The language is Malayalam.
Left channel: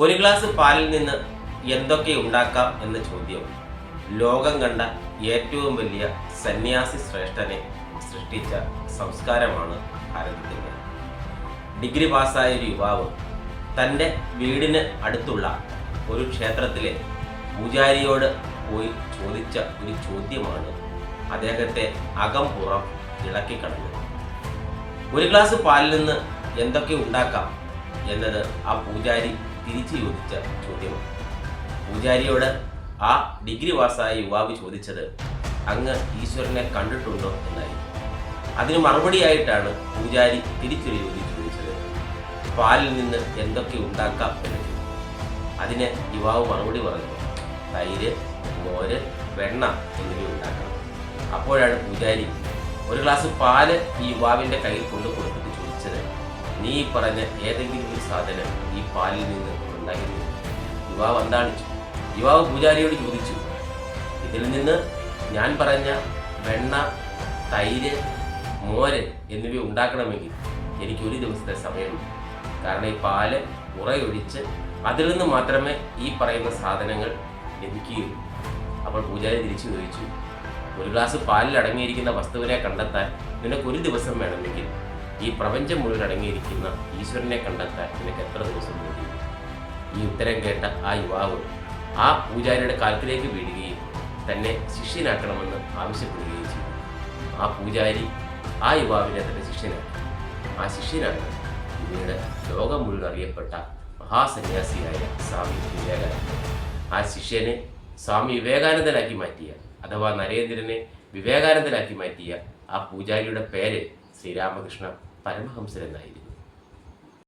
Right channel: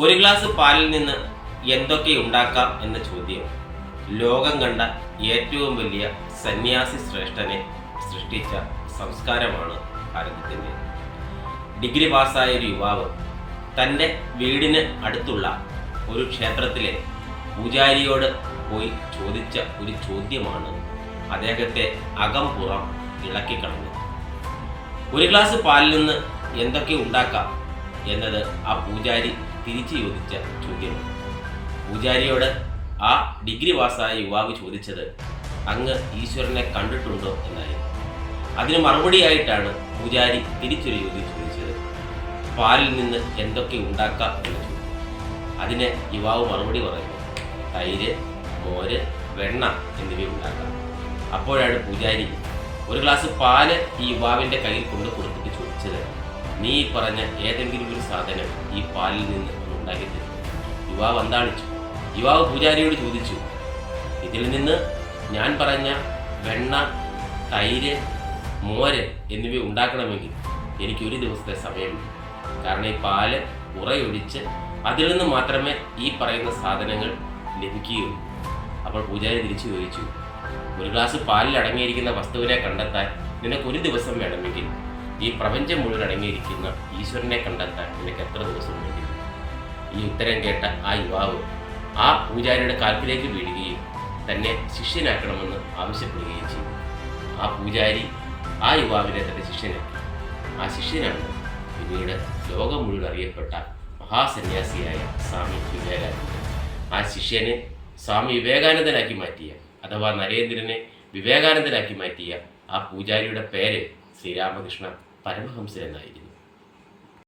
ഒരു ഗ്ലാസ് പാലിൽ നിന്ന് എന്തൊക്കെ ഉണ്ടാക്കാം എന്ന ചോദ്യം ലോകം കണ്ട ഏറ്റവും വലിയ സന്യാസി ശ്രേഷ്ഠനെ സൃഷ്ടിച്ച സംസ്കാരമാണ് ഭാരതത്തിൻ്റെ. ഡിഗ്രി പാസ്സായ ഒരു യുവാവ് തൻ്റെ വീടിന് അടുത്തുള്ള ഒരു ക്ഷേത്രത്തിലെ പൂജാരിയോട് പോയി ചോദിച്ച ഒരു ചോദ്യമാണ് അദ്ദേഹത്തെ അകം പുറം ഇളക്കിക്കളഞ്ഞത്. ഒരു ഗ്ലാസ് പാലിൽ നിന്ന് എന്തൊക്കെ ഉണ്ടാക്കാം എന്നത് ആ പൂജാരി തിരിച്ചു ചോദിച്ച ചോദ്യമാണ്. പൂജാരിയോട് ആ ഡിഗ്രി പാസ്സായ യുവാവ് ചോദിച്ചത് അങ്ങ് ഈശ്വരനെ കണ്ടിട്ടുണ്ടോ എന്നായിരുന്നു. അതിന് മറുപടിയായിട്ടാണ് പൂജാരി തിരിച്ചൊരു ചോദ്യം ചോദിച്ചത്, പാലിൽ നിന്ന് എന്തൊക്കെ ഉണ്ടാക്കാം എന്ന ചോദ്യം. അതിന് യുവാവ് മറുപടി പറഞ്ഞു, തൈര്, മോര്, വെണ്ണ എന്നിവ ഉണ്ടാക്കാം. അപ്പോഴാണ് പൂജാരി ഒരു ഗ്ലാസ് പാല് ഈ യുവാവിൻ്റെ കയ്യിൽ കൊണ്ടു കൊടുത്തിട്ട് ചോദിച്ചത്, നീ ഈ പറഞ്ഞ ഏതെങ്കിലും ഒരു സാധനം ഈ പാലിൽ നിന്ന് ഉണ്ടാക്കി തരും. യുവാവ് അന്താളിച്ചു. യുവാവ് പൂജാരിയോട് ചോദിച്ചു, ഇതിൽ നിന്ന് ഞാൻ പറഞ്ഞ വെണ്ണ, തൈര്, മോര് എന്നിവ ഉണ്ടാക്കണമെങ്കിൽ എനിക്ക് ഒരു ദിവസത്തെ സമയം, കാരണം ഈ പാല് ഉറയൊഴിച്ച് അതിൽ നിന്ന് മാത്രമേ ഈ പറയുന്ന സാധനങ്ങൾ ലഭിക്കുകയുള്ളൂ. അപ്പോൾ പൂജാരി തിരിച്ചു ചോദിച്ചു, ഒരു ഗ്ലാസ് പാലിൽ അടങ്ങിയിരിക്കുന്ന വസ്തുവിനെ കണ്ടെത്താൻ നിനക്കൊരു ദിവസം വേണമെങ്കിൽ ഈ പ്രപഞ്ചം മുഴുവൻ അടങ്ങിയിരിക്കുന്ന ഈശ്വരനെ കണ്ടെത്താൻ നിനക്ക് എത്ര ദിവസം വേണ്ടി? ഈ ഉത്തരം കേട്ട ആ യുവാവ് ആ പൂജാരിയുടെ കാൽക്കിലേക്ക് വീഴുകയും തന്നെ ശിഷ്യനാക്കണമെന്ന് ആവശ്യപ്പെടുകയും ചെയ്തു. ആ പൂജാരി ആ യുവാവിനെ തൻ്റെ ശിഷ്യനാക്കി. ആ ശിഷ്യനാണ് പിന്നീട് ലോകം മുഴുവൻ അറിയപ്പെട്ട മഹാസന്യാസിയായ സ്വാമി വിവേകാനന്ദൻ. ആ ശിഷ്യനെ സ്വാമി വിവേകാനന്ദനാക്കി മാറ്റിയ, അഥവാ നരേന്ദ്രനെ വിവേകാനന്ദനാക്കി മാറ്റിയ ആ പൂജാരിയുടെ പേര് ശ്രീരാമകൃഷ്ണ പരമഹംസൻ എന്നായിരുന്നു.